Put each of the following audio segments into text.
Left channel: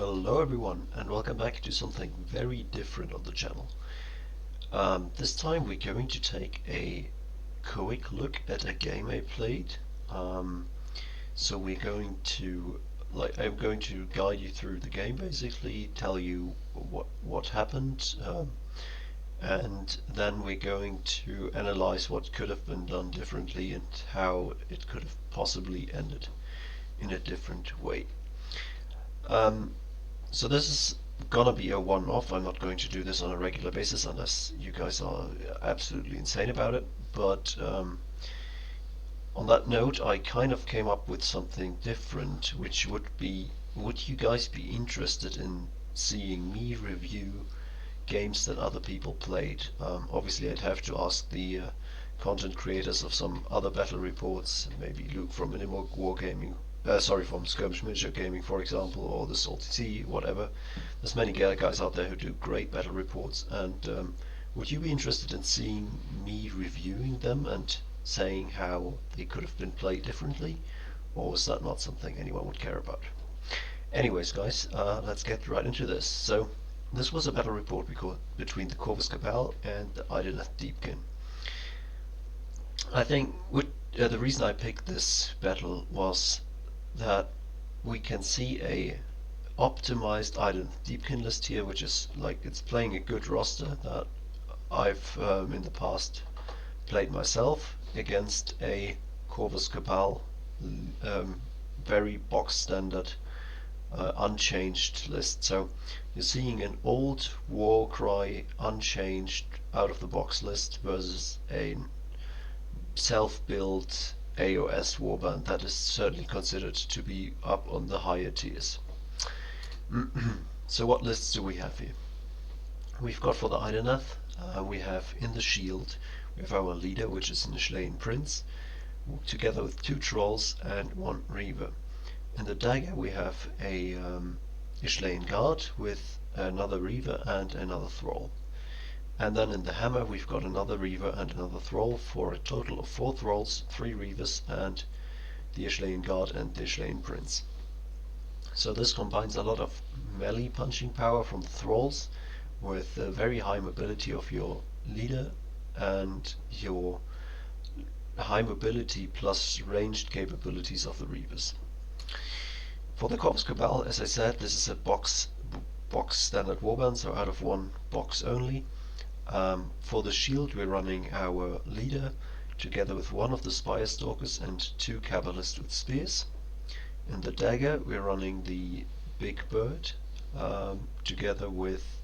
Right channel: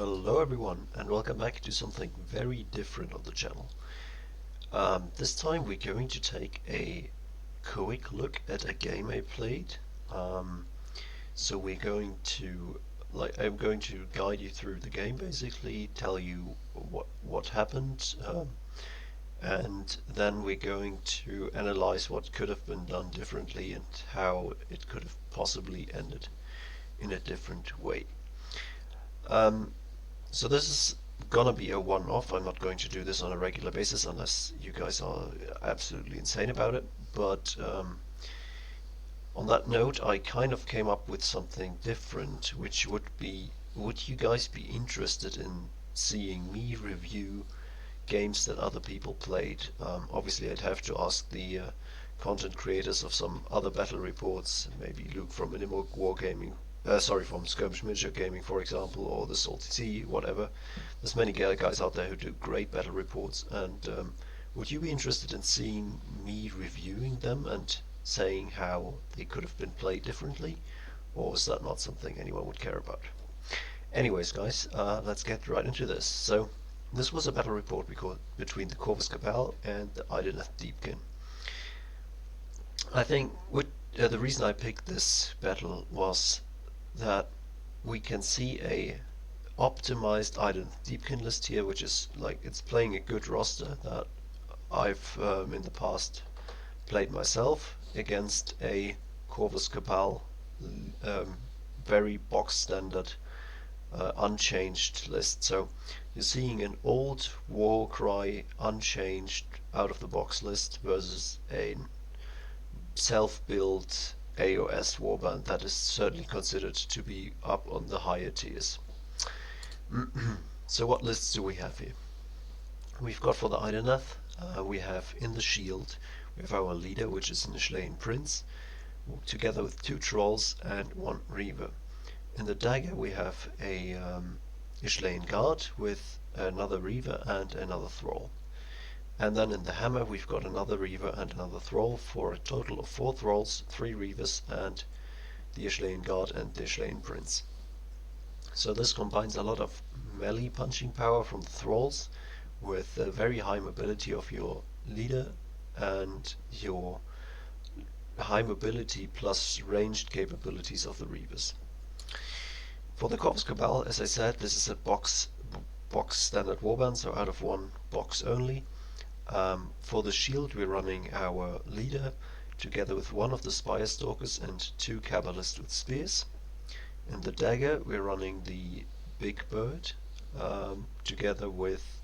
Hello everyone and welcome back to something very different on the channel. This time we're going to take a quick look at a game I played. So we're going to, I'm going to guide you through the game basically, tell you what happened, and then we're going to analyze what could have been done differently and how it could have possibly ended in a different way. So this is gonna be a one-off. I'm not going to do this on a regular basis unless you guys are absolutely insane about it. But on that note, I kind of came up with something different, which would you guys be interested in seeing me review games that other people played? Obviously, I'd have to ask the content creators of some other battle reports, maybe Luke from Minimal Wargaming, from Skirmish Miniature Gaming, for example, or the Salty Sea, whatever. There's many guys out there who do great battle reports, and would you be interested in seeing me reviewing them and saying how they could have been played differently, or is that not something anyone would care about? Anyways, guys, let's get right into this. So, this was a battle report between the Corvus Cabal and the Idoneth Deepkin. I think the reason I picked this battle was that we can see a optimized Idoneth Deepkin list here, which is it's playing a good roster that I've in the past played myself against a Corvus Cabal, very box standard, unchanged list. So you're seeing an old Warcry unchanged out of the box list versus a self-built AOS Warband that is certainly considered to be up on the higher tiers. So what lists do we have here? We've got for the Idoneth, we have in the shield, we have our leader, which is an Ishlean Prince, together with 2 Trolls and 1 Reaver. In the dagger we have a Ishlean Guard with another Reaver and another Thrall. And then in the hammer we've got another Reaver and another Thrall for a total of 4 Thralls, 3 Reavers and the Ishlean Guard and the Ishlean Prince. So this combines a lot of melee punching power from the Thralls with a very high mobility of your leader and your high mobility plus ranged capabilities of the Reavers. For the Corvus Cabal, as I said, this is a box standard warband, so out of 1 box only. For the shield we're running our leader together with 1 of the Spire Stalkers and 2 Cabalists with spears. In the dagger we're running the big bird together with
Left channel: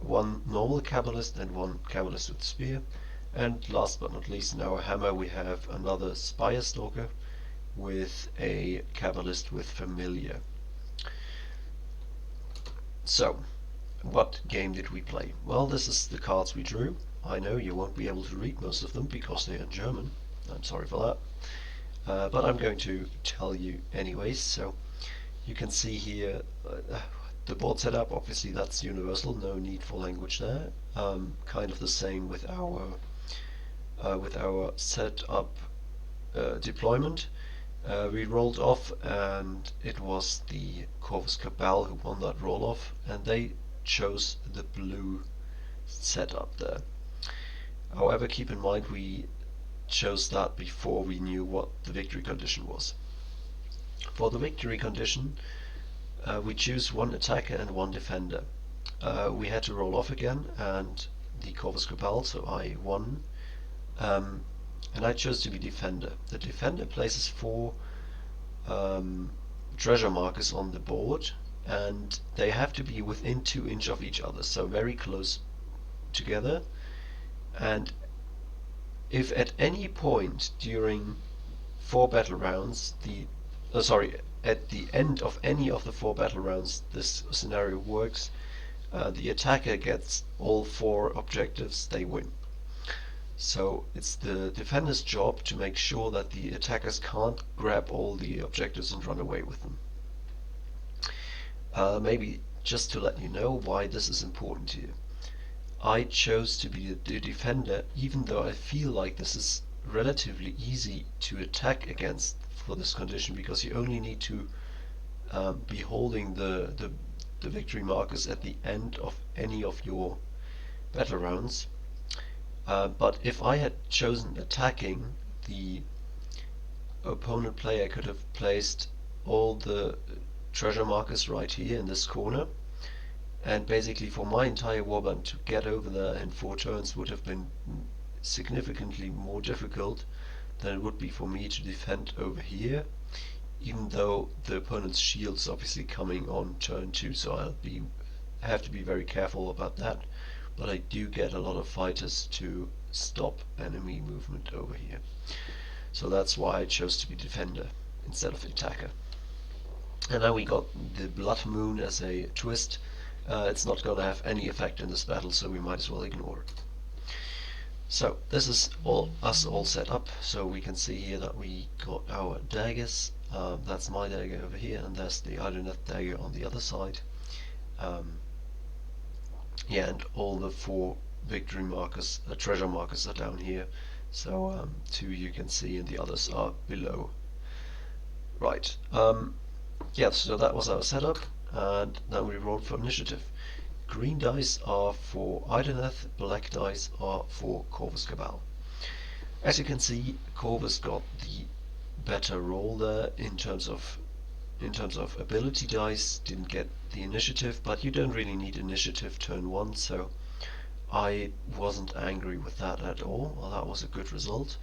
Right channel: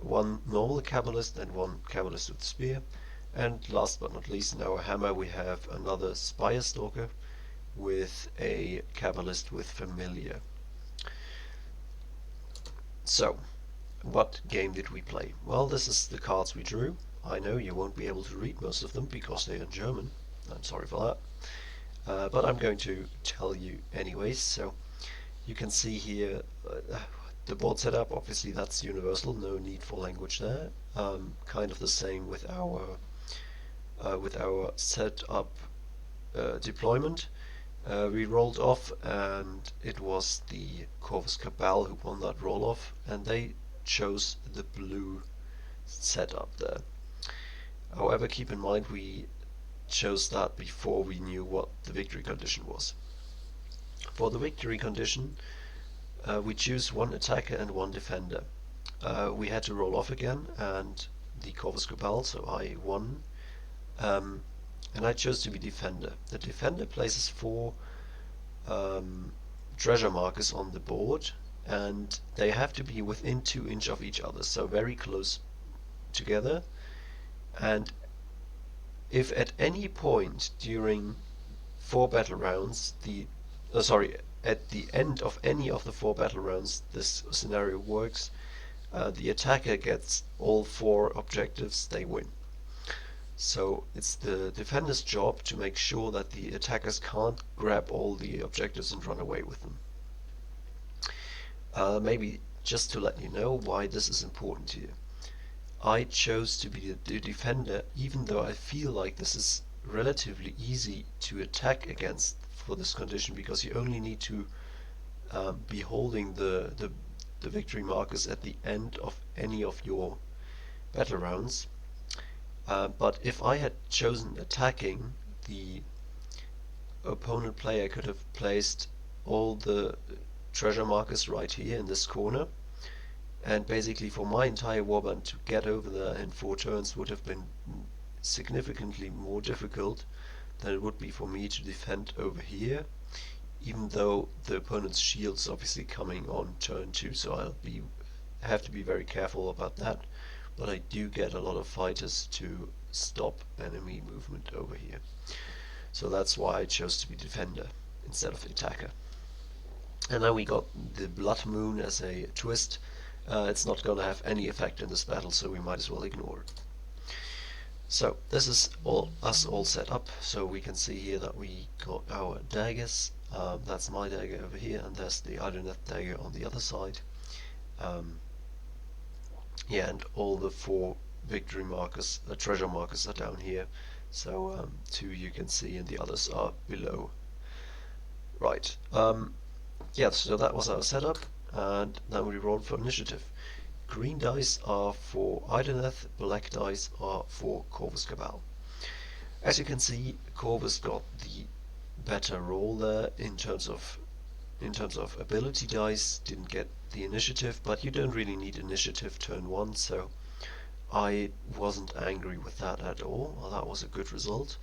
1 normal Cabalist and 1 Cabalist with spear. And last but not least, in our hammer we have another Spire Stalker with a Cabalist with familiar. So, what game did we play? Well, this is the cards we drew. I know you won't be able to read most of them because they are in German. I'm sorry for that. But I'm going to tell you anyways. So you can see here the board setup. Obviously that's universal, no need for language there. Kind of the same with our setup deployment. We rolled off and it was the Corvus Cabal who won that roll off, and they chose the blue setup there. However, keep in mind we chose that before we knew what the victory condition was. For the victory condition, we choose 1 attacker and 1 defender. We had to roll off again, and the Corvus Cabal, so I won, and I chose to be defender. The defender places 4 treasure markers on the board, and they have to be within 2 inches of each other, so very close together. And if at any point during 4 battle rounds, at the end of any of the 4 battle rounds this scenario works, the attacker gets all 4 objectives, they win. So it's the defender's job to make sure that the attackers can't grab all the objectives and run away with them. Maybe just to let you know why this is important here. I chose to be the defender even though I feel like this is relatively easy to attack against for this condition, because you only need to be holding the victory markers at the end of any of your battle rounds. But if I had chosen attacking, the opponent player could have placed all the treasure markers right here in this corner, and basically for my entire warband to get over there in 4 turns would have been significantly more difficult than it would be for me to defend over here, even though the opponent's shield's obviously coming on turn 2, so have to be very careful about that. But I do get a lot of fighters to stop enemy movement over here. So that's why I chose to be defender instead of attacker. And now we got the Blood Moon as a twist. It's not going to have any effect in this battle, so we might as well ignore it. So this is us all set up, so we can see here that we got our daggers. That's my dagger over here, and there's the Idoneth dagger on the other side. Yeah, and all the 4 victory markers, treasure markers are down here. So 2 you can see, and the others are below. Right. Yeah, so that was our setup, and then we rolled for initiative. Green dice are for Idoneth, black dice are for Corvus Cabal. As you can see, Corvus got the better roll there in terms of ability dice, didn't get the initiative, but you don't really need initiative turn 1, so I wasn't angry with that at all. Well, that was a good result.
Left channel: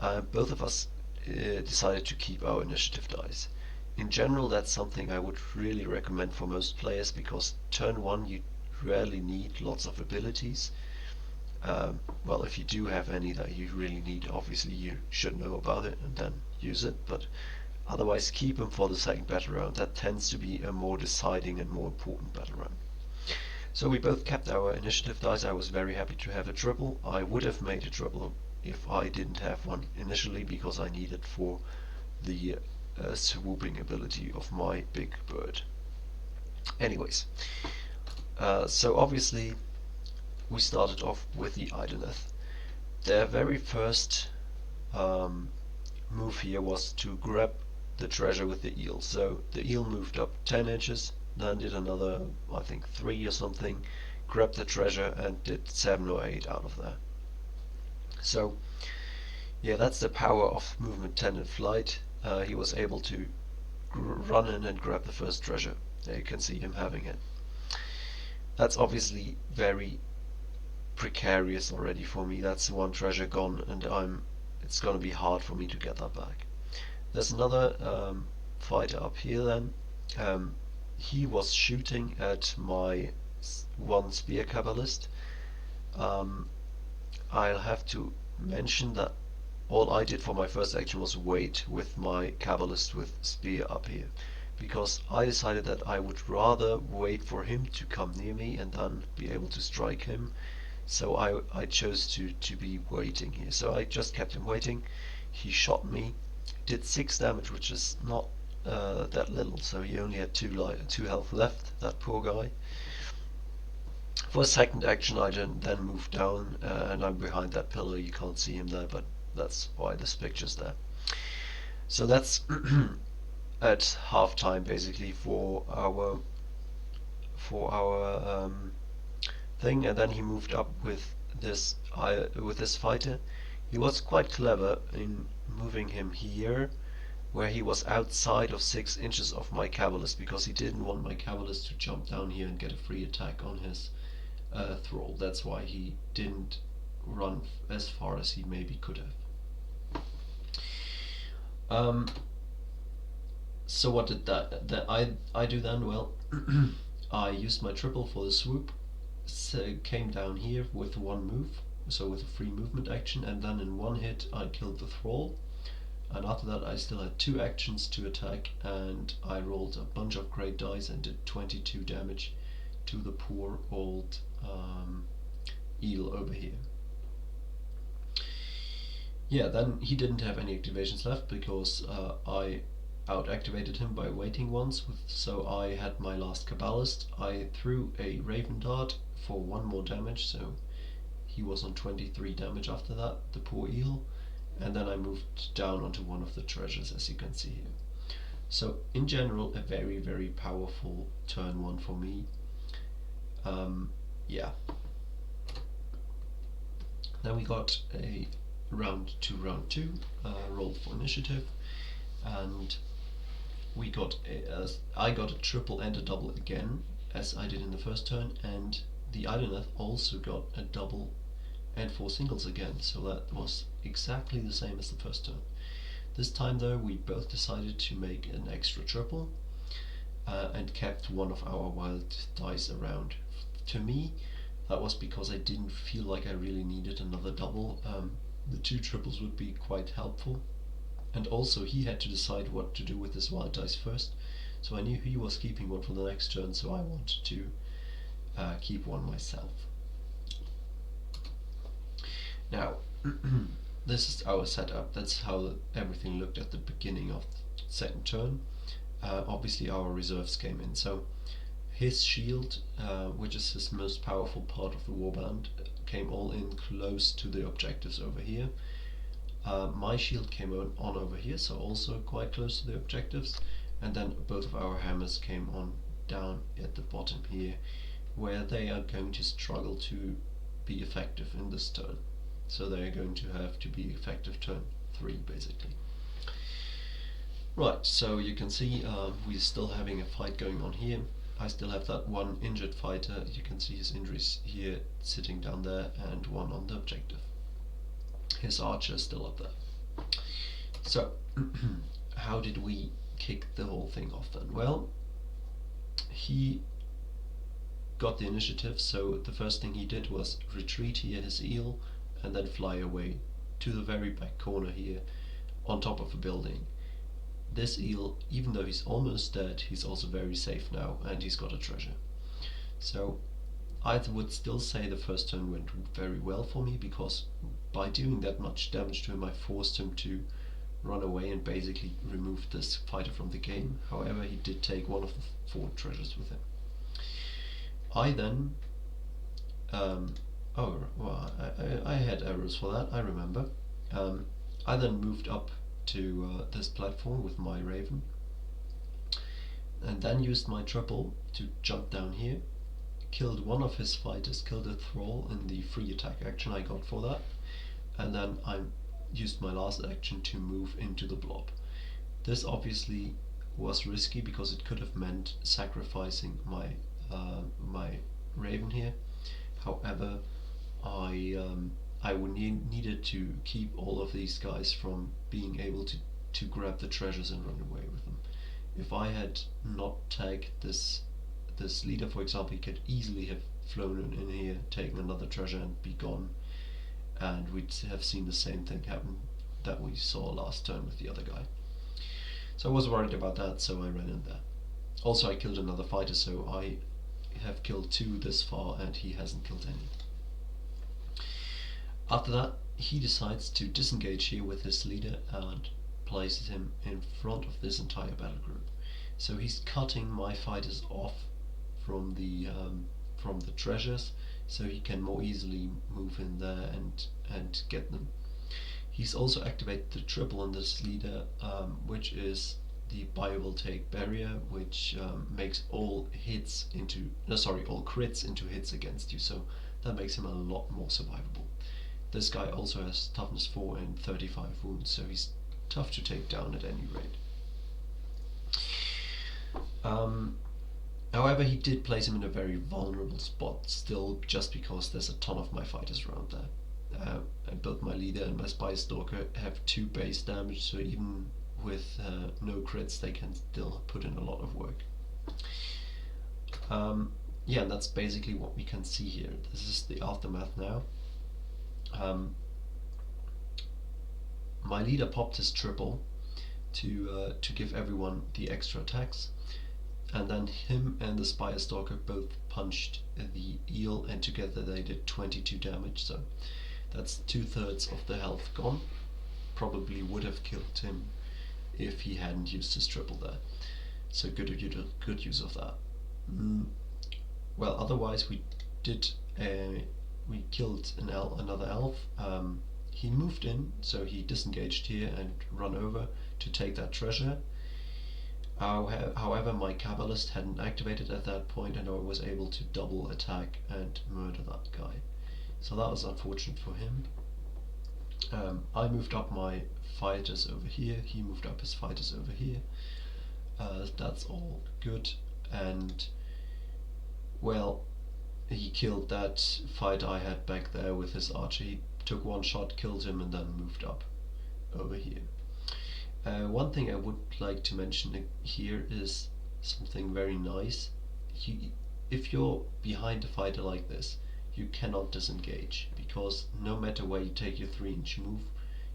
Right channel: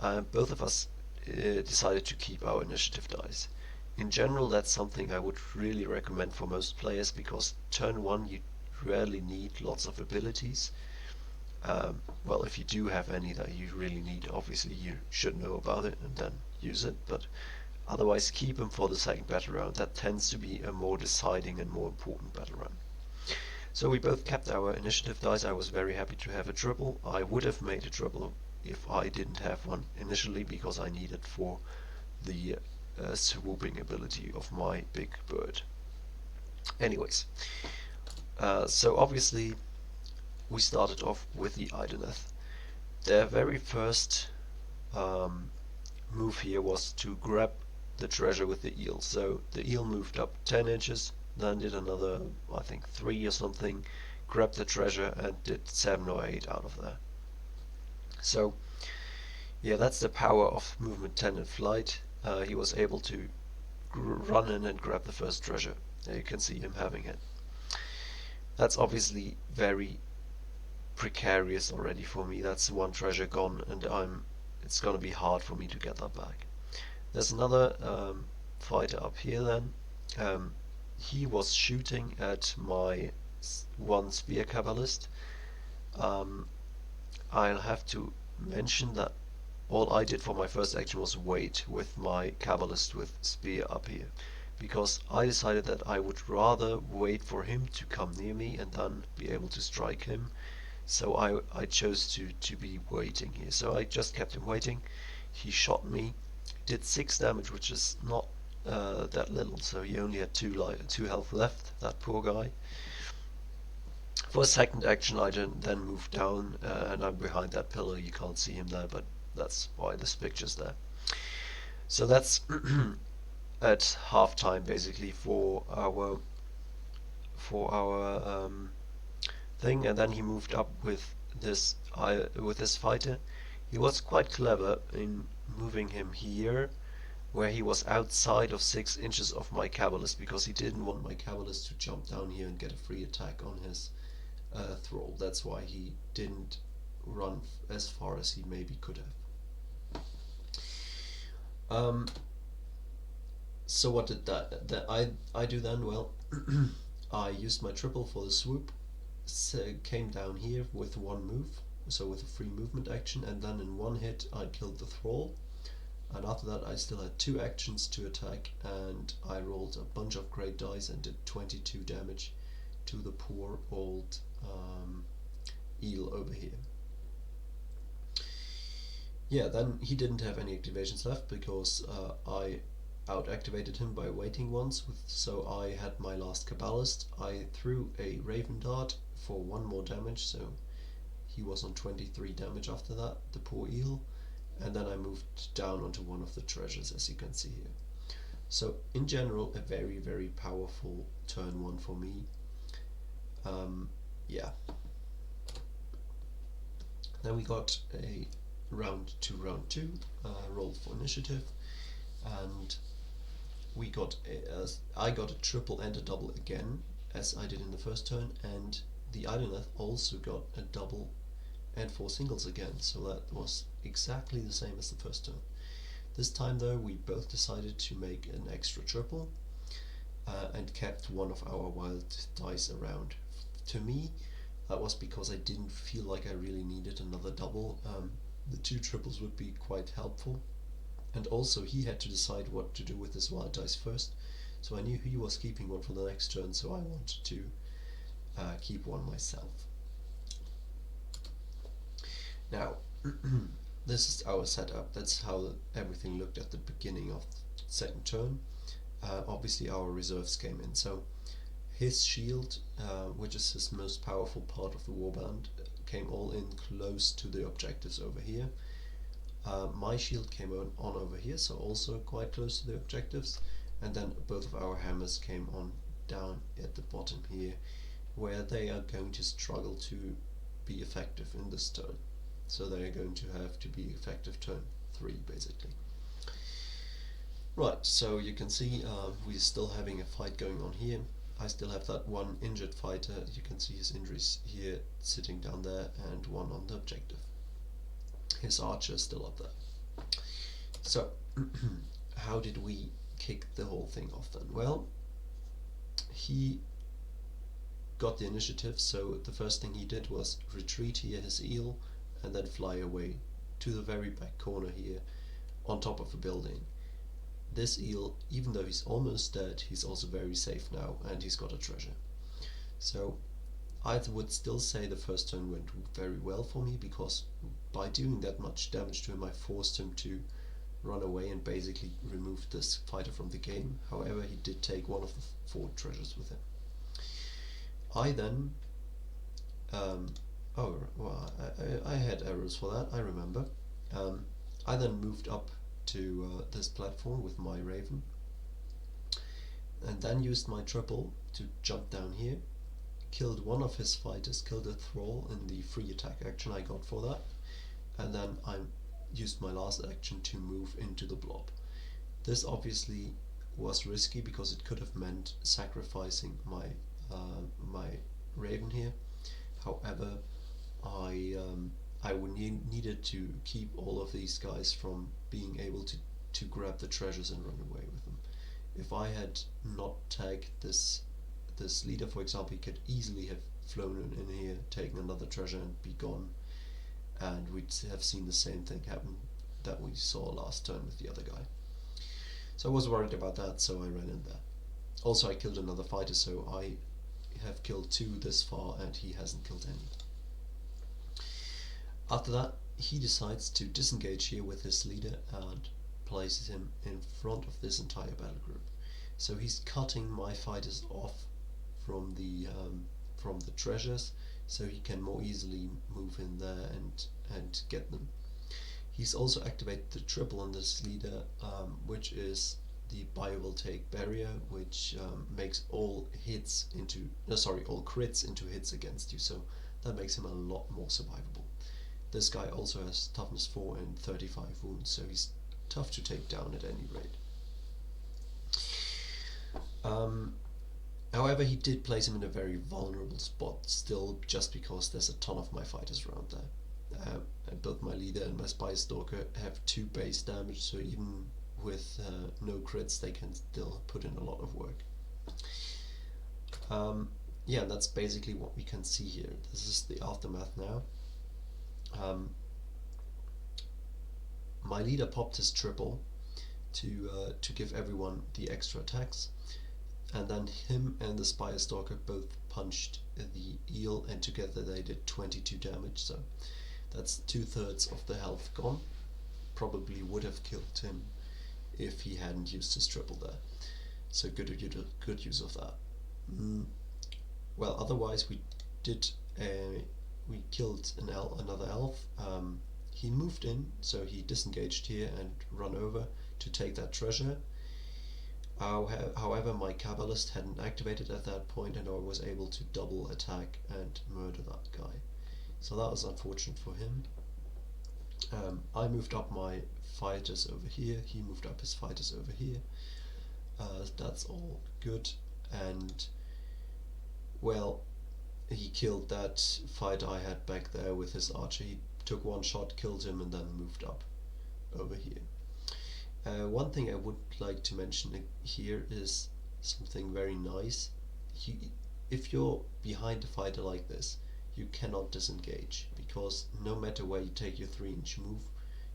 Both of us decided to keep our initiative dice. In general, that's something I would really recommend for most players, because turn 1 you rarely need lots of abilities. Well, if you do have any that you really need, obviously you should know about it and then use it, but otherwise keep them for the second battle round. That tends to be a more deciding and more important battle round. So we both kept our initiative dice. I was very happy to have a triple. I would have made a triple if I didn't have one initially, because I needed for the swooping ability of my big bird. Anyways, so obviously we started off with the Idoneth. Their very first move here was to grab the treasure with the eel. So the eel moved up 10 inches, then did another, I think 3 or something, grabbed the treasure and did 7 or 8 out of there. So yeah, that's the power of movement 10 in flight. He was able to run in and grab the first treasure. There you can see him having it. That's obviously very precarious already for me. That's one treasure gone, and it's gonna be hard for me to get that back. There's another fighter up here then. He was shooting at my 1 spear cabalist. I'll have to mention that all I did for my first action was wait with my cabalist with spear up here, because I decided that I would rather wait for him to come near me and then be able to strike him. So I chose to be waiting here. So I just kept him waiting. He shot me, did 6 damage, which is not that little, so he only had 2 health left, that poor guy. For a second action I then moved down, and I'm behind that pillar. You can't see him there, but that's why this picture's there. So that's at half time basically for our thing, and then he moved up with this fighter. He was quite clever in moving him here, where he was outside of 6 inches of my cabalist, because he didn't want my cabalist to jump down here and get a free attack on his thrall. That's why he didn't run as far as he maybe could have. So what did I do then? Well, I used my triple for the swoop, so came down here with 1 move, so with a free movement action, and then in 1 hit I killed the thrall. And after that I still had 2 actions to attack, and I rolled a bunch of great dice and did 22 damage to the poor old eel over here. Yeah, then he didn't have any activations left, because I out-activated him by waiting once, so I had my last cabalist. I threw a raven dart for 1 more damage, so he was on 23 damage after that, the poor eel. And then I moved down onto one of the treasures, as you can see here. So in general, a very, very powerful turn 1 for me. Yeah. Then we got a round 2, roll for initiative, and we got I got a triple and a double again, as I did in the first turn, and the Idoneth also got a double and 4 singles again, so that was exactly the same as the first turn. This time though, we both decided to make an extra triple and kept one of our wild dice around. To me, that was because I didn't feel like I really needed another double. The 2 triples would be quite helpful. And also he had to decide what to do with his wild dice first, so I knew he was keeping one for the next turn, so I wanted to keep one myself. Now, this is our setup. That's how everything looked at the beginning of the second turn. Obviously our reserves came in, so his shield, which is his most powerful part of the warband, came all in close to the objectives over here. My shield came on over here, so also quite close to the objectives, and then both of our hammers came on down at the bottom here, where they are going to struggle to be effective in this turn. So they are going to have to be effective turn 3 basically. Right, so you can see we're still having a fight going on here. I still have that one injured fighter. You can see his injuries here sitting down there, and one on the objective. His archer is still up there. So, how did we kick the whole thing off then? Well, he got the initiative, so the first thing he did was retreat here his eel and then fly away to the very back corner here on top of a building. This eel, even though he's almost dead, he's also very safe now, and he's got a treasure. So I would still say the first turn went very well for me, because by doing that much damage to him, I forced him to run away and basically remove this fighter from the game. However, he did take one of the 4 treasures with him. I then I had arrows for that, I remember. I then moved up to this platform with my raven, and then used my triple to jump down here, killed one of his fighters, killed a thrall in the free attack action I got for that, and then I used my last action to move into the blob. This obviously was risky because it could have meant sacrificing my my raven here. However, I would needed to keep all of these guys from being able to grab the treasures and run away with them. If I had not tagged this leader, for example, he could easily have flown in here, taken another treasure and be gone, and we'd have seen the same thing happen that we saw last turn with the other guy. So I was worried about that, so I ran in there. Also, I killed another fighter, so I have killed 2 this far, and he hasn't killed any. After that, he decides to disengage here with his leader and places him in front of this entire battle group. So he's cutting my fighters off from the treasures, so he can more easily move in there and get them. He's also activated the triple on this leader, which is the biovoltaic barrier, which makes all crits into hits against you, so that makes him a lot more survivable. This guy also has toughness 4 and 35 wounds, so he's tough to take down at any rate. However, he did place him in a very vulnerable spot still, just because there's a ton of my fighters around there. Both my leader and my spy stalker have 2 base damage, so even with no crits they can still put in a lot of work. Yeah, that's basically what we can see here. This is the aftermath now. My leader popped his triple to give everyone the extra attacks, and then him and the Spire Stalker both punched the eel, and together they did 22 damage, so that's 2/3 of the health gone. Probably would have killed him if he hadn't used his triple there, so good use of that. Well, otherwise we killed another elf. He moved in, so he disengaged here and run over to take that treasure. However, my Cabalist hadn't activated at that point, and I was able to double attack and murder that guy. So that was unfortunate for him. I moved up my fighters over here, he moved up his fighters over here. That's all good, and well, he killed that fighter I had back there with his archer. He took one shot, killed him, and then moved up over here. One thing I would like to mention here is something very nice. If you're behind a fighter like this, you cannot disengage, because no matter where you take your 3-inch move,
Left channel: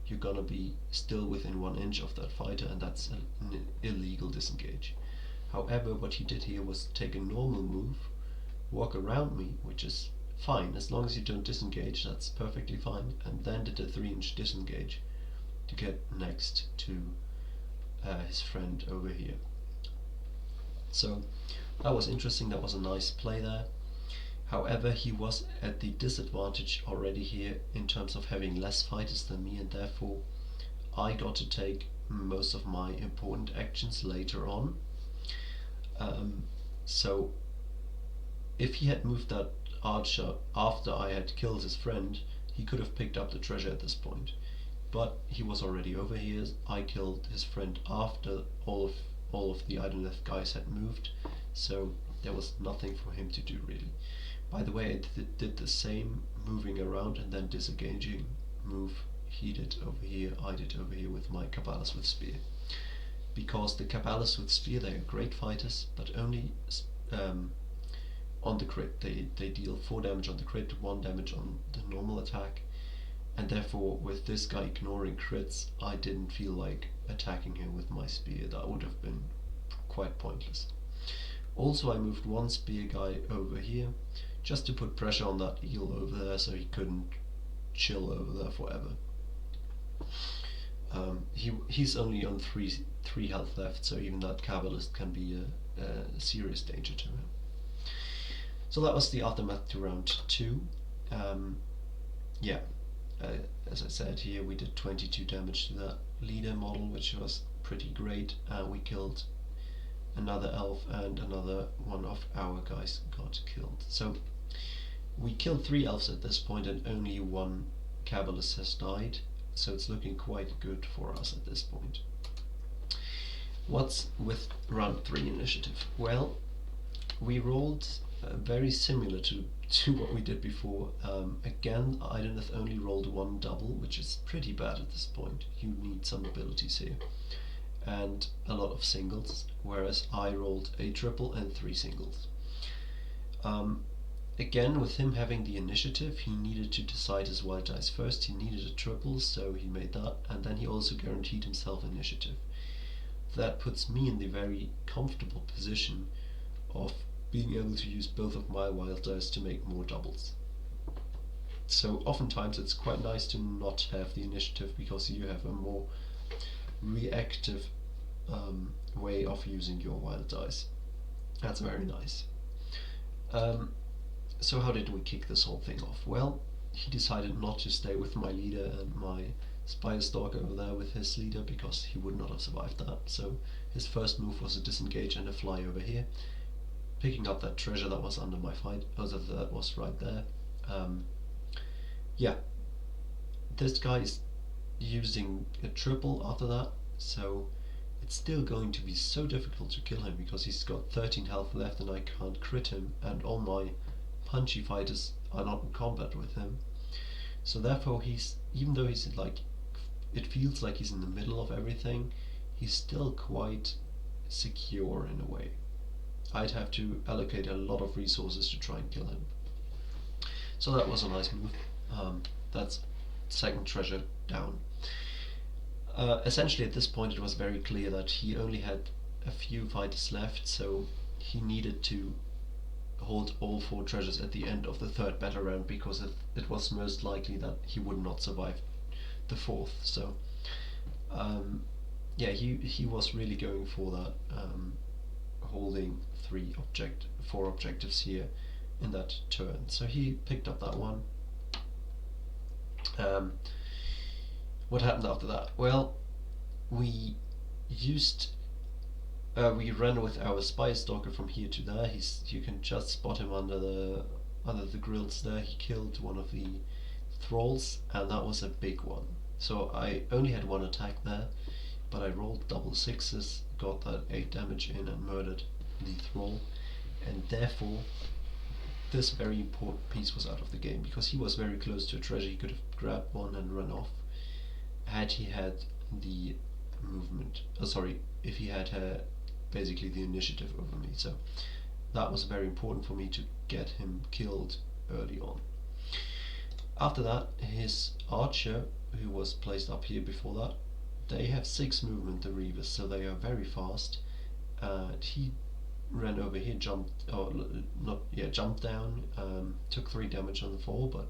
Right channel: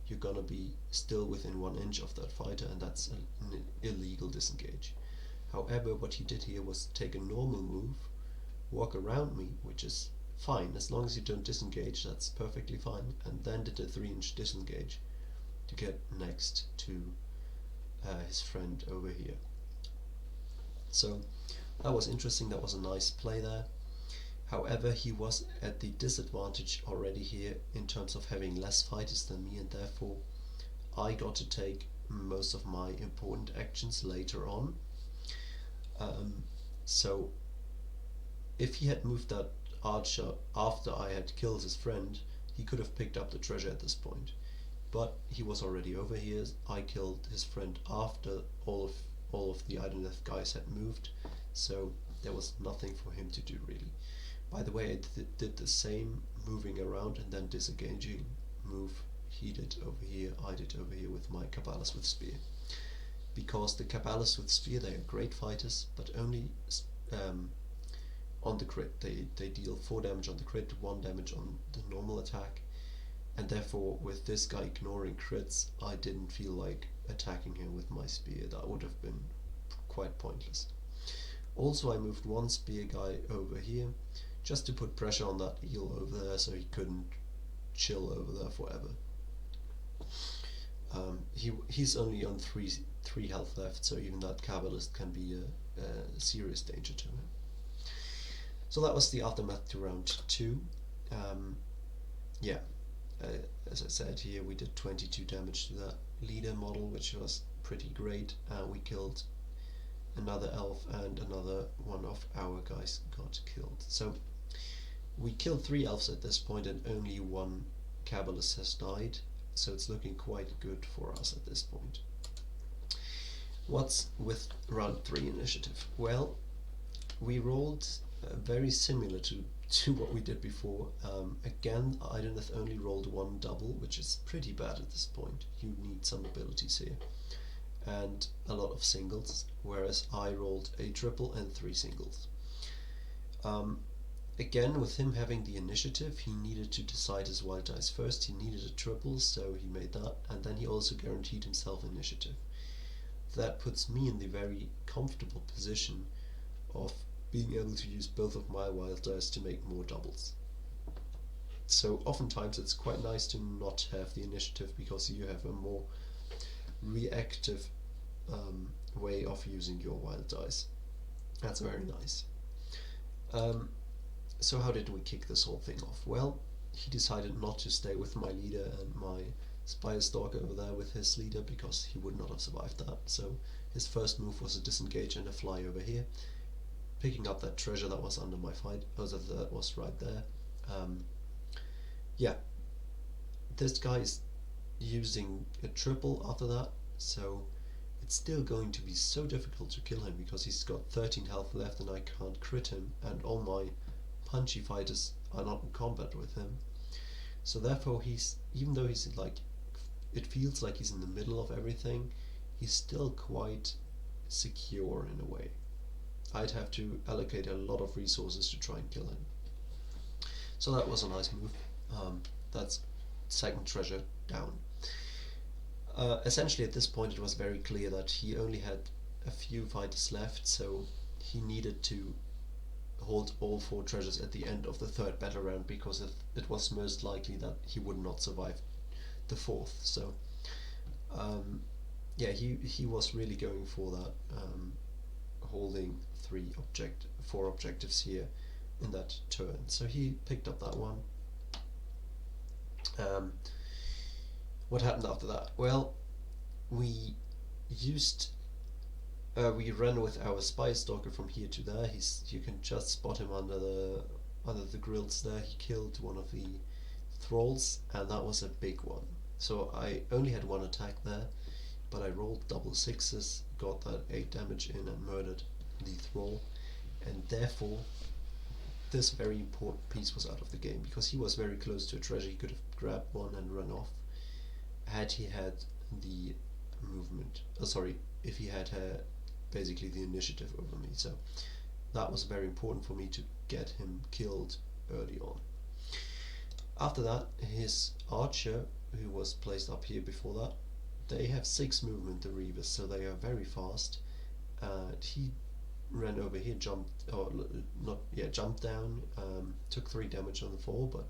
you're gonna be still within 1 inch of that fighter, and that's an illegal disengage. However, what he did here was take a normal move, walk around me, which is fine, as long as you don't disengage, that's perfectly fine, and then did a 3-inch disengage to get next to his friend over here. So that was interesting, that was a nice play there. However, he was at the disadvantage already here in terms of having less fighters than me, and therefore I got to take most of my important actions later on. So if he had moved that archer after I had killed his friend, he could have picked up the treasure at this point. But he was already over here. I killed his friend after all of the Idoneth guys had moved, so there was nothing for him to do really. By the way, I did the same moving around and then disengaging move he did over here, I did over here with my Cabalists with spear. Because the Cabalists with spear, they are great fighters, but only on the crit. They deal 4 damage on the crit, 1 damage on the normal attack, and therefore with this guy ignoring crits, I didn't feel like attacking him with my spear. That would have been quite pointless. Also, I moved one spear guy over here just to put pressure on that eel over there so he couldn't chill over there forever. He's only on 3 health left, so even that Cabalist can be a serious danger to him. So that was the aftermath to round 2. As I said here, we did 22 damage to that leader model, which was pretty great. We killed another elf, and another one of our guys got killed. So we killed 3 elves at this point, and only 1 Cabalist has died, so it's looking quite good for us at this point. What's with round 3 initiative? Well, we rolled very similar to what we did before. Again, Idoneth only rolled 1 double, which is pretty bad at this point. You need some abilities here, and a lot of singles, whereas I rolled a triple and 3 singles. Again, with him having the initiative, he needed to decide his wild dice first. He needed a triple, so he made that, and then he also guaranteed himself initiative. That puts me in the very comfortable position of being able to use both of my wild dice to make more doubles. So oftentimes it's quite nice to not have the initiative, because you have a more reactive way of using your wild dice. That's very nice. So how did we kick this whole thing off? Well, he decided not to stay with my leader and my Spire Stalker over there with his leader, because he would not have survived that. So his first move was a disengage and a fly over here, picking up that treasure that was under my fight. That was right there. This guy is using a triple after that, so it's still going to be so difficult to kill him, because he's got 13 health left and I can't crit him, and all my punchy fighters are not in combat with him. So therefore, even though he's like, it feels like he's in the middle of everything, he's still quite secure in a way. I'd have to allocate a lot of resources to try and kill him. So that was a nice move. That's second treasure down. Essentially at this point it was very clear that he only had a few fighters left, so he needed to hold all 4 treasures at the end of the 3rd battle round, because it was most likely that he would not survive the 4th. So he was really going for that, holding 4 objectives here in that turn. So he picked up that one. What happened after that? Well, we used We ran with our spy stalker from here to there. You can just spot him under the grills there. He killed one of the thralls, and that was a big one. So I only had one attack there, but I rolled double sixes, got that 8 damage in, and murdered the thrall. And therefore, this very important piece was out of the game, because he was very close to a treasure. He could have grabbed one and run off had he had the movement. If he had basically the initiative over me. So that was very important for me to get him killed early on. After that, his archer, who was placed up here before that, they have 6 movement, the Reavers, so they are very fast. He ran over here, jumped down, took 3 damage on the fall, but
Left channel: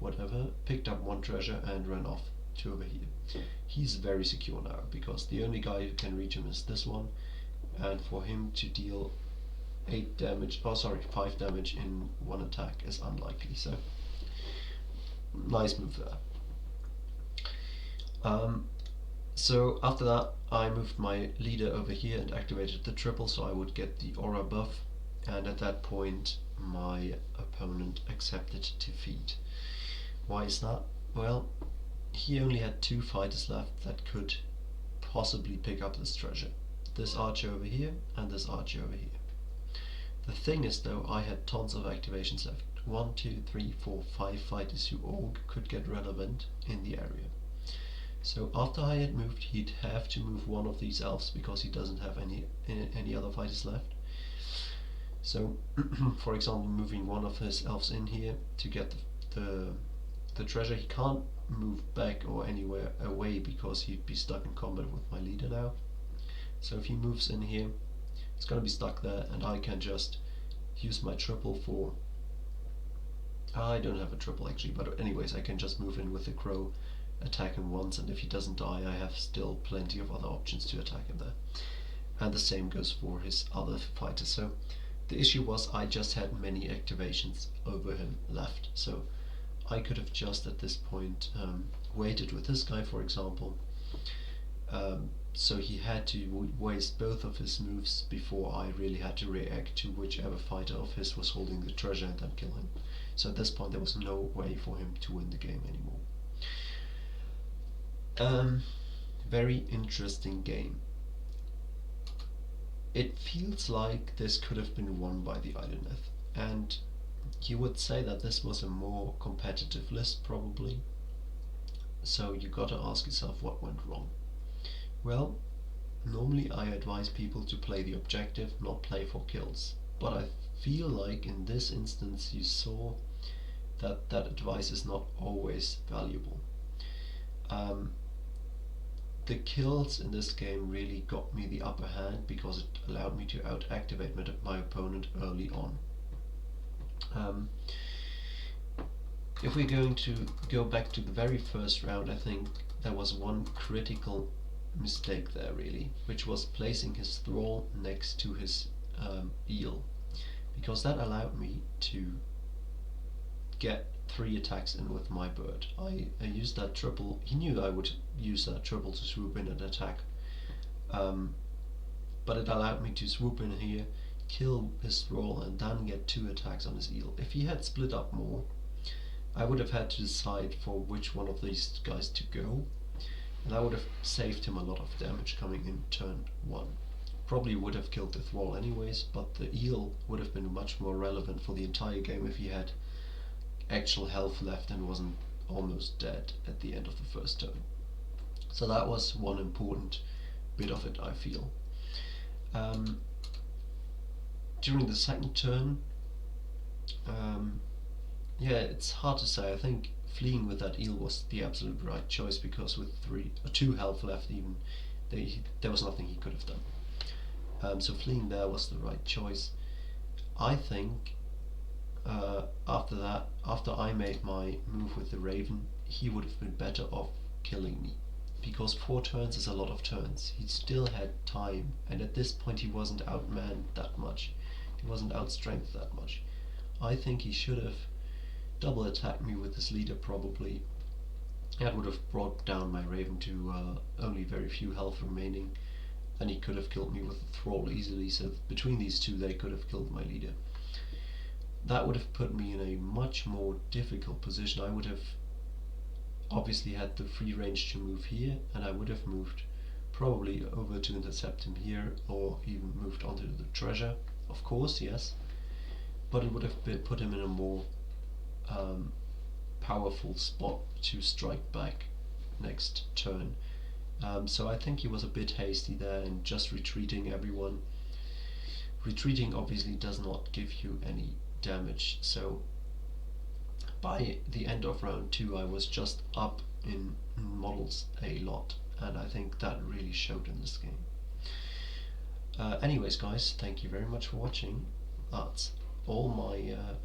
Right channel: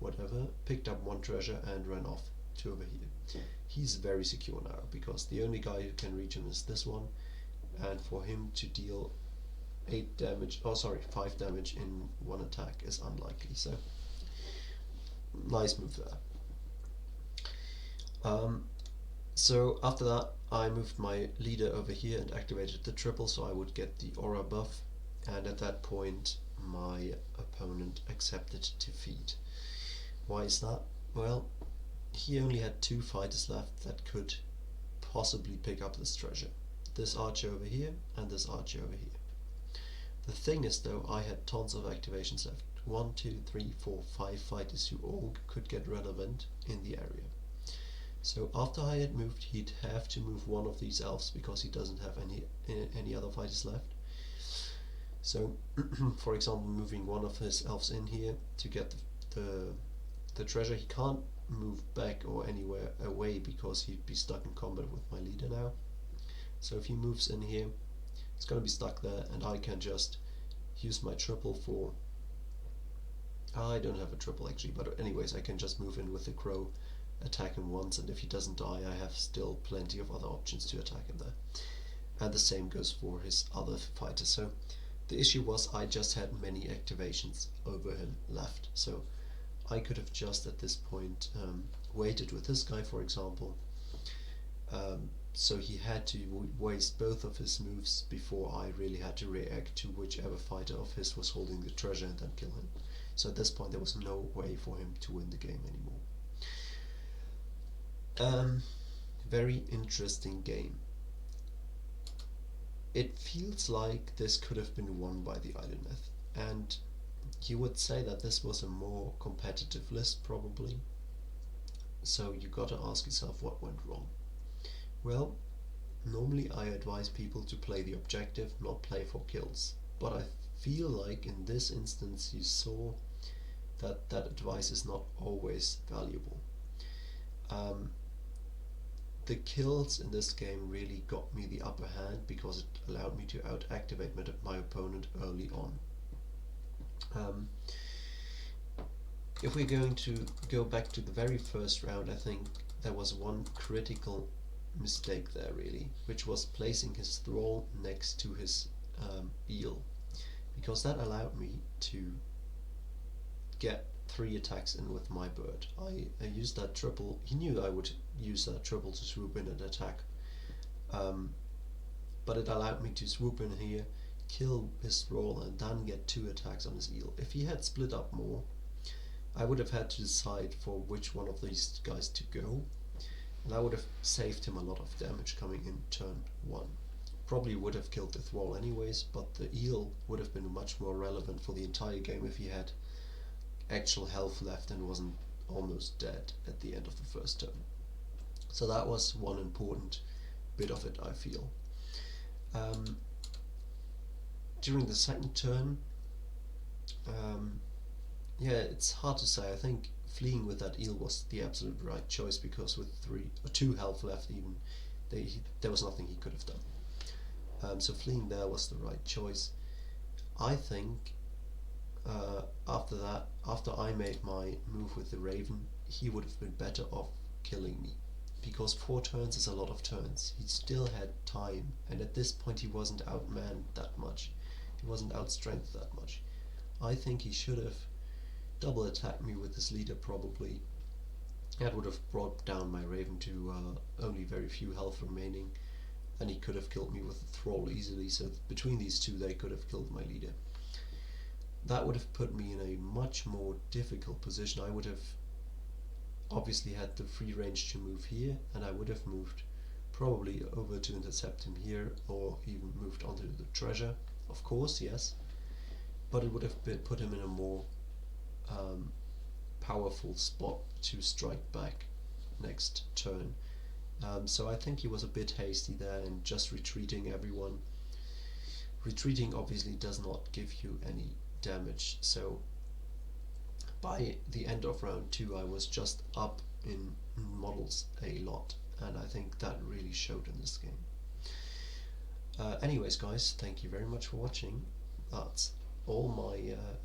whatever, picked up 1 treasure and ran off to over here. He's very secure now, because the only guy who can reach him is this one, and for him to deal 5 damage in 1 attack is unlikely, so nice move there. So after that, I moved my leader over here and activated the triple so I would get the aura buff, and at that point my opponent accepted defeat. Why is that? Well, he only had 2 fighters left that could possibly pick up this treasure. This archer over here and this archer over here. The thing is though, I had tons of activations left. 1, 2, 3, 4, 5 fighters who all could get relevant in the area. So after I had moved, he'd have to move one of these elves because he doesn't have any other fighters left. So, for example, moving one of his elves in here to get the treasure, he can't move back or anywhere away because he'd be stuck in combat with my leader now. So if he moves in here, he's gonna be stuck there, and I can just use my triple for... I don't have a triple actually, but anyways, I can just move in with the crow, attack him once, and if he doesn't die, I have still plenty of other options to attack him there. And the same goes for his other fighters. So the issue was I just had many activations over him left, so I could have just at this point waited with this guy, for example. So he had to waste both of his moves before I really had to react to whichever fighter of his was holding the treasure and then kill him. So at this point there was no way for him to win the game anymore. Very interesting game. It feels like this could have been won by the Idoneth, and you would say that this was a more competitive list probably. So you gotta ask yourself what went wrong. Well, normally I advise people to play the objective, not play for kills, but I feel like in this instance you saw that that advice is not always valuable. The kills in this game really got me the upper hand because it allowed me to out-activate my opponent early on. If we're going to go back to the very first round, I think there was one critical mistake there really, which was placing his thrall next to his eel, because that allowed me to get 3 attacks in with my bird. I used that triple. He knew I would use that triple to swoop in and attack, but it allowed me to swoop in here, kill his thrall, and then get 2 attacks on his eel. If he had split up more, I would have had to decide for which one of these guys to go, and I would have saved him a lot of damage coming in turn 1. Probably would have killed the thrall anyways, but the eel would have been much more relevant for the entire game if he had actual health left and wasn't almost dead at the end of the first turn. So that was one important bit of it, I feel. During the second turn, yeah, it's hard to say. I think fleeing with that eel was the absolute right choice, because with 2 health left even, there was nothing he could have done. So fleeing there was the right choice. I think after that, after I made my move with the raven, he would have been better off killing me, because 4 turns is a lot of turns. He still had time, and at this point he wasn't outmanned that much. He wasn't outstrengthed that much. I think he should have double attacked me with his leader probably. That would have brought down my raven to only very few health remaining, and he could have killed me with a thrall easily, so between these two they could have killed my leader. That would have put me in a much more difficult position. I would have obviously had the free range to move here, and I would have moved probably over to intercept him here, or even moved onto the treasure, of course, yes, but it would have put him in a more powerful spot to strike back next turn. So I think he was a bit hasty there and just retreating everyone. Retreating obviously does not give you any damage, so by the end of round 2 I was just up in models a lot, and I think that really showed in this game. Anyways guys, thank you very much for watching. That's all my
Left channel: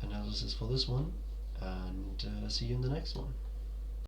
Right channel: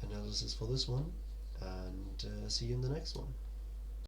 analysis for this one, and see you in the next one.